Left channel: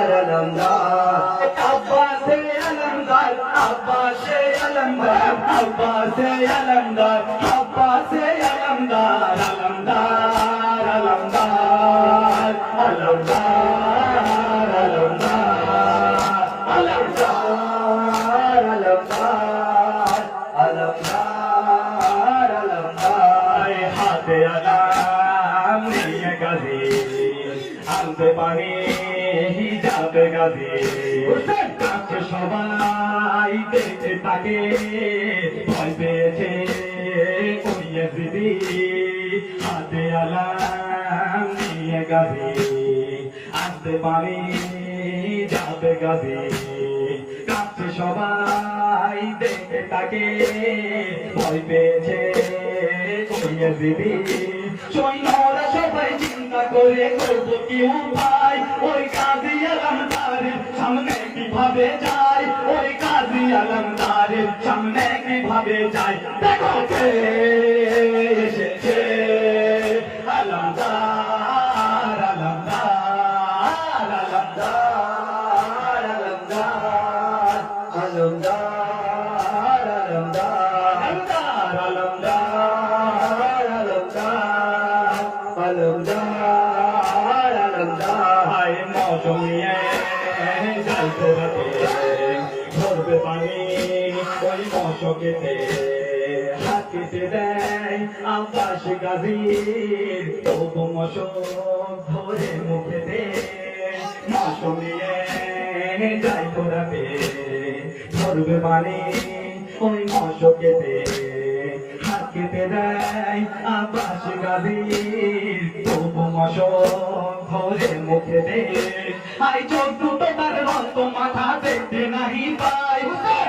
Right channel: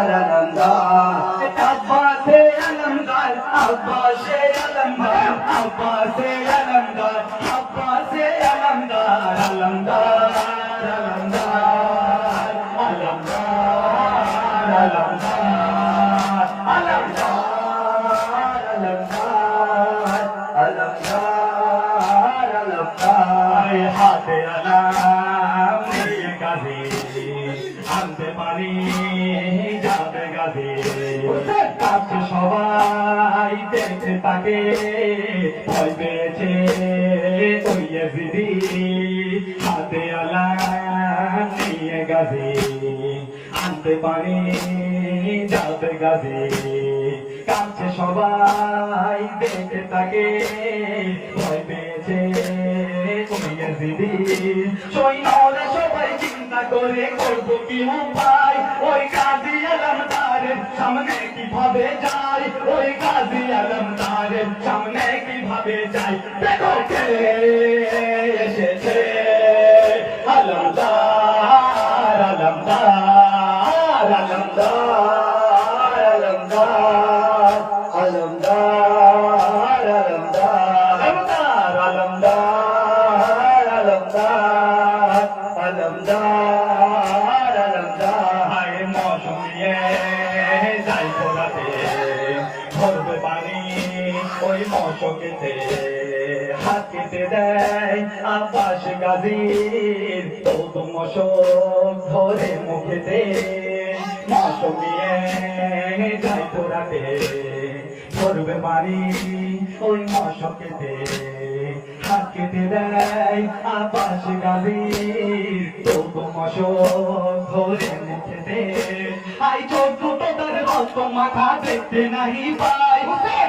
अलमदार अब्बासे अलमदार अब्बासे अलमदार अब्बासे अलमदार अब्बासे अलमदार अलमदार अलमदार अलमदार अलमदार अलमदार अलमदार अलमदार अलमदार हाथे अलम निये गाजी आनते पानी जाते गाजी কাছে সবাই দেখতে তাকে ভয় পেয়েছে ওই ইয়াজিদি হাতে আলাম নিয়ে গাজি আনতে পানি যাবে গাজি কাছে সবাই দেখতে তাকে ভয় পেয়েছে ওই ইয়াজিদি সৈন্যরা সবাই চিন্তা করে করবো কি উপায় ওই গাজী আলমদারের সামনে কিভাবে যায় ওই গাজী আলমদারের সামনে কিভাবে যায় দেখো কে এসেছে আলমদার আলমদার আলমদার আলমদার আলমদার আলমদার আলমদার আলমদার আলমদার আলমদার হায় মৌসুমিয়ে যাই পোড়াতে ধরবে পানি ওই মশকেতে হাত কেটে দেয় আব্বাস গাজীর তবু মশক ধরে মুখেতে মৌসুমিয়ে যাই পোড়াতে ধরবে পানি ওই মশকেতে হাত কেটে দেয় আব্বাস গাজীর তবু মশক ধরে মুখেতে আই চোখ দুটো তার রক্ত মাথা দেখতে নাহি পায়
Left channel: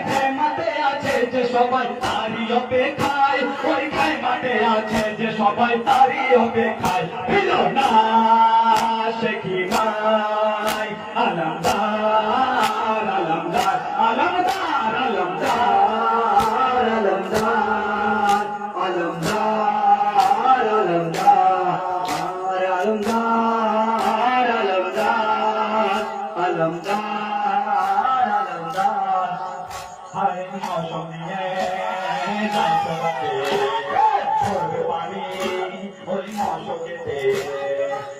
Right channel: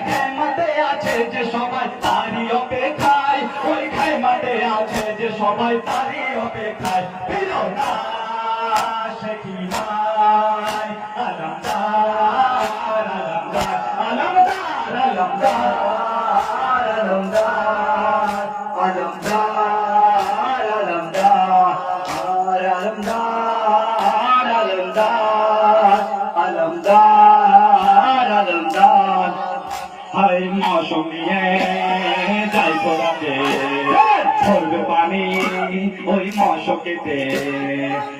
খাইমাতে আছে যে সবাই তারই অপেক্ষায় ওই খাইমাতে আছে যে সবাই তারই অপেক্ষায় দিল না সে কি ভাই আলমদার আলমদার আলমদার আলমদার আলমদার আলমদার আলমদার আলমদার আলমদার আলমদার আলমদার হায় মৌসুমিয়ে যাই পোড়াতে ধরবে পানি ওই মশকেতে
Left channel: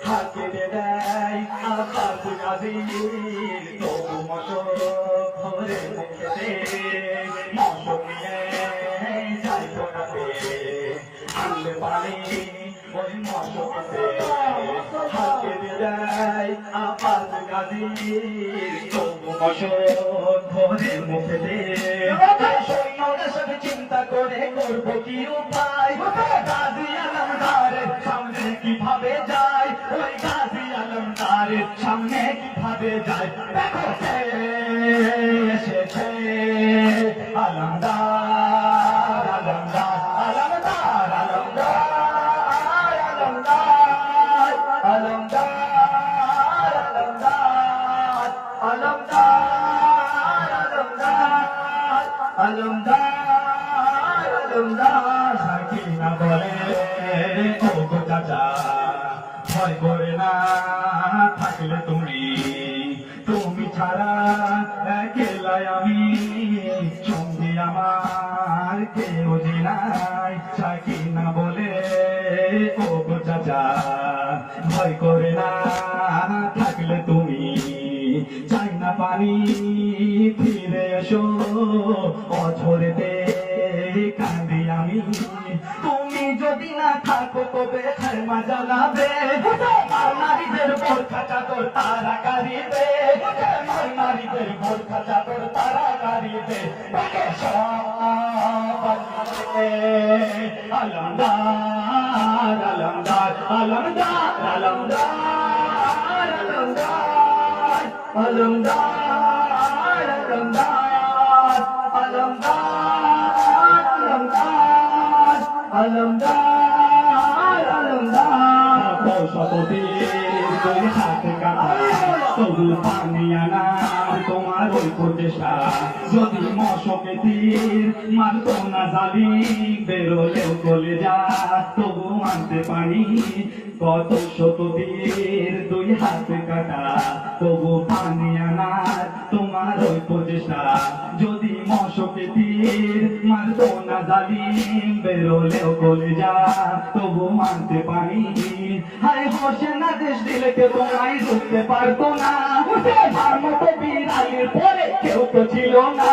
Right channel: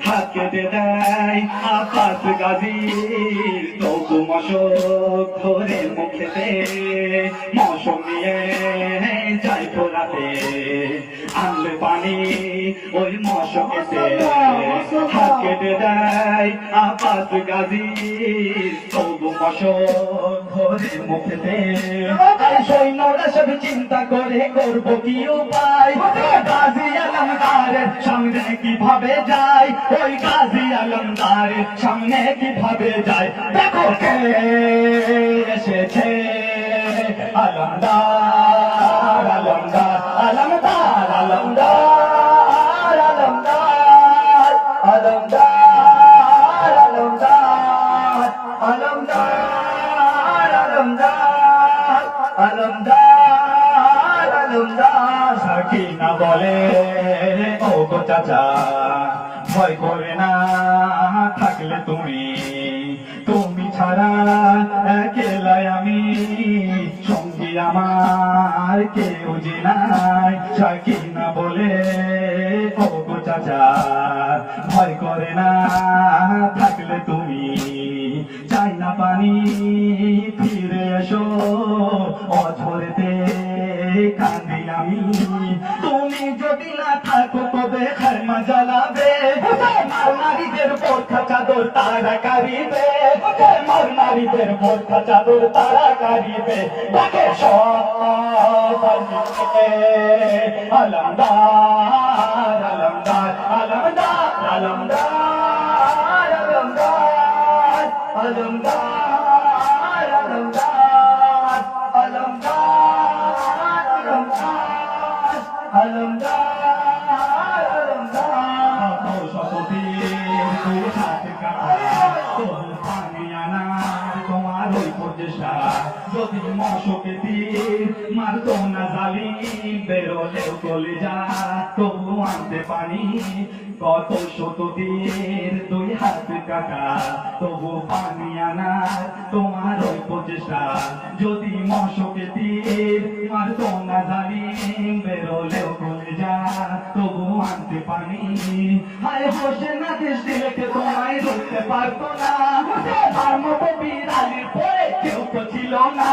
হাত কেটে দেয় আব্বাস গাজীর তবু মশক ধরে মুখেতে মৌসুমিয়ে যাই পোড়াতে আনবে পানি ওই মশকেতে হাত কেটে দেয় আব্বাস গাজীর তবু মশক ধরে মুখেতে সৈন্যরা সব চিন্তা করে করবো কি উপায় গাজী আলমদারের সামনে কিভাবে যায় ওই গাজী আলমদারের সামনে কিভাবে যায় দেখো কে এসেছে আলমদার আলমদার আলমদার আলমদার আলমদার আলমদার আলমদার আলমদার আলমদার আলমদার আলমদার সাকিনা বলে ও গো চাচা ভয় করে না থাকলে তুমি তুমি ছাড়া একলাই আমি সঙ্গী আমার কেউ যে নাই সাকিনা বলে ও গো চাচা ভয় করে না থাকলে তুমি চাই না পানি ফিরে এসো অঝরেতে কান্দি আমি তুমি যদি না থাকো তবে খাইমা জ্বালাবে মার নারীদের বোরখা চাদর তারা কারিবে মার নারীদের বোরখা চাদর তারা কারিবে তাকে সব আলমদার আলমদার আলমদার আলমদার আলমদার আলমদার আলমদার আলমদার আলমদার আলমদার শতবীর তুই হাত কাটা তবু পানি আনার তোমার ওই প্রচেষ্টা যদি মশকে তীর মারতো না জালি বেরোলেও চলে যা তবু আনতে পারি কত শত তীর দুই হাত কাটা তবু পানি আনার তোমার ওই প্রচেষ্টা যদি মশকে তীর মারতো না জালিম বেরোলেও কলেজা তবু আনতে পারি হায় হোসেন আদেশ দিলে কে তোমায় রুখতে পারতো না তার মতো বিড়ালির পরে কেউ তো ছিল না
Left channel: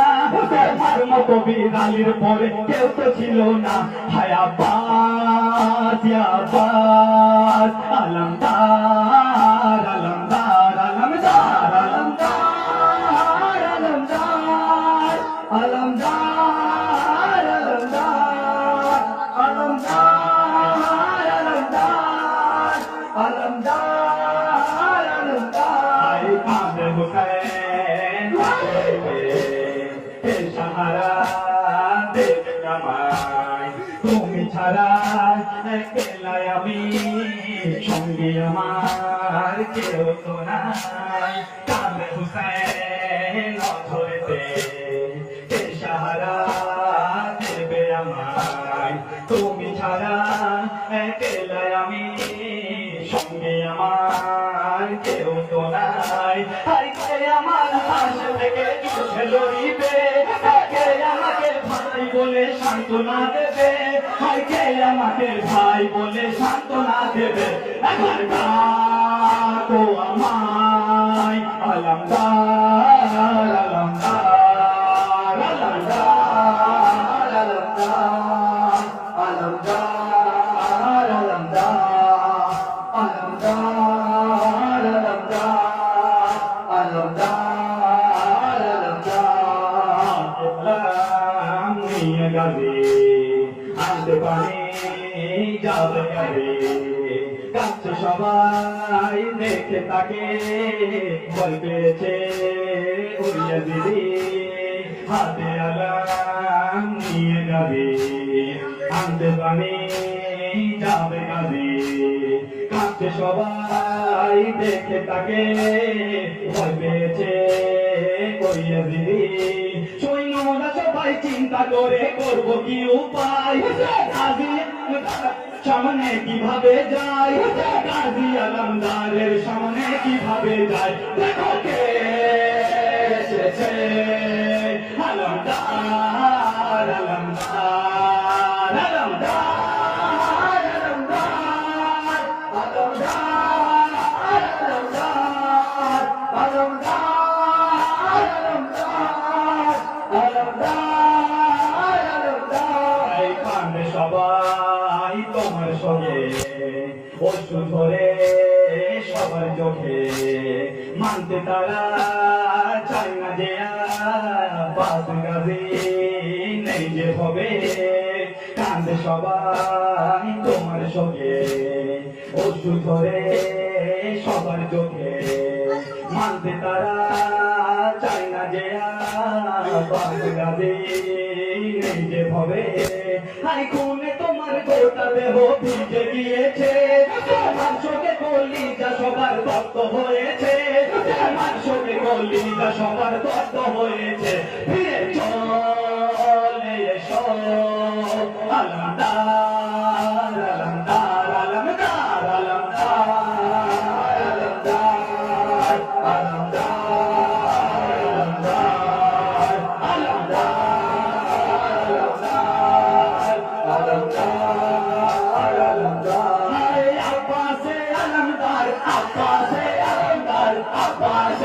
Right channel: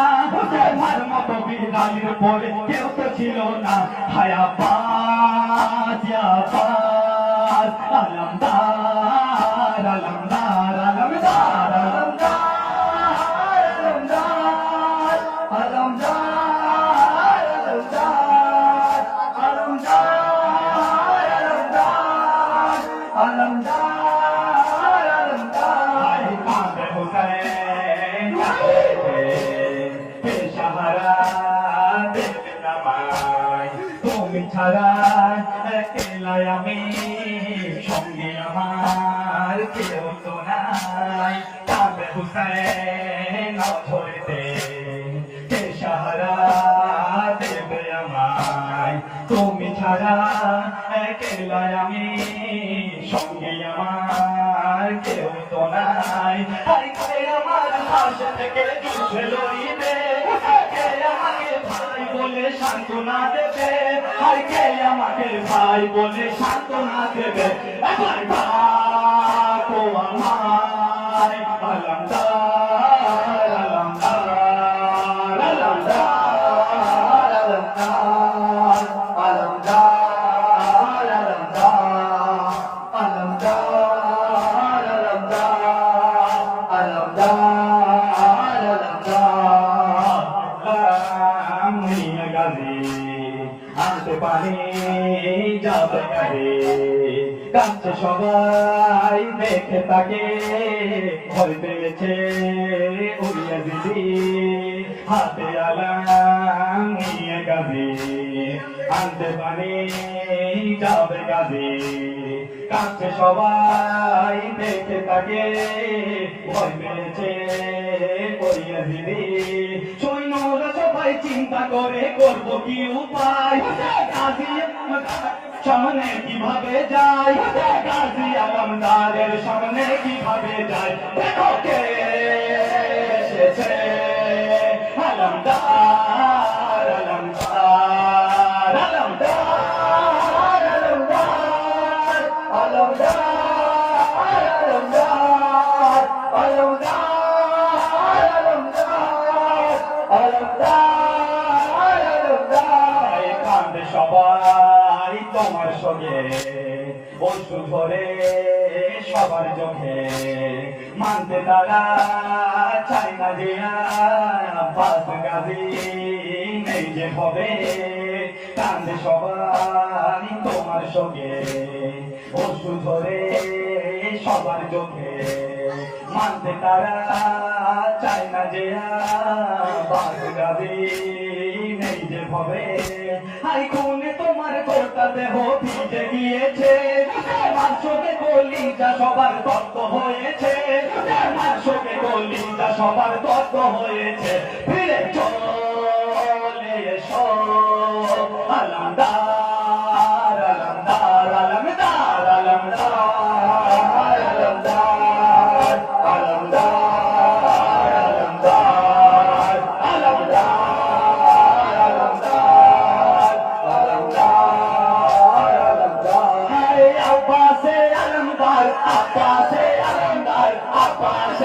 তার মতো বিড়ালির পরে কেউ তো ছিল না হায় আব্বাস ইয়া আব্বাস আলমদার আলমদার আলমদার আলমদার আলমদার আলমদার আলমদার আলমদার আলমদার আলমদার কাঁদে হোসেন হে সাহারা দেবে নামায় তুমি ছাড়া একলাই আমি সঙ্গে আমার কেউ তো নাই কাঁদে হোসেন ধরেতে হে সাহারা দেবে আমায় তুমি ছাড়া একলাই আমি সঙ্গে আমার কেউ তো নাই কে আমার পাশে থেকে জুড়ে লড়িবে কে আমাকে ভাই বলে সান্ত্বনা দেবে কে আমাকে ভাই বলে সান্ত্বনা দেবে এখন ডাকো আমায় আলমদার আলমদার আলমদার আলমদার আলমদার আলমদার আলমদার আলমদার আলমদার নিয়ে গাজী আনতে পারি যাবে গাড়ি কাঁদছে সবাই দেখে তাকে ভয় পেয়েছে উড়িয়ে দিদি হাতে আলাম নিয়ে গাজী আনতে পারি যাবে গাজী কাঁদছে সবাই দেখে তাকে ভয় পেয়েছে উড়িয়ে দিদি সৈন্যরা সবাই চিন্তা করে করব কি উপায় গাজী সামনে কিভাবে যায় গাজী আলমদারের সামনে কিভাবে যায় দেখো কে এসেছে আলমদার আলমদার আলমদার আলমদার আলমদার আলমদার আলমদার আলমদার আলমদার কান্দে সবাই তোমার সঙ্গে অশ্রু ধরে সবার চোখে মানতে তারা চায় না যে আব্বাস গাজী নেই যে হবে কান্দে সবাই তোমার সঙ্গে অশ্রু ধরে সবার চোখে মানতে তারা চায় না যে আব্বাস গাজী নেই যে হবে হাই খুনে তোমার গোটা দেহ ভিজে গিয়েছে তোমার চোখে কলিজা সবার তত্ত্ব হয়েছে তোমার চোখে কলিজা সবার তত্ত্ব হয়েছে ফিরে চলে এসো আলমদার আলমদার আলমদার আলমদার আলমদার আলমদার আলমদার আলমদার আব্বাসে আলমদার আব্বাসে আলমদার আব্বাস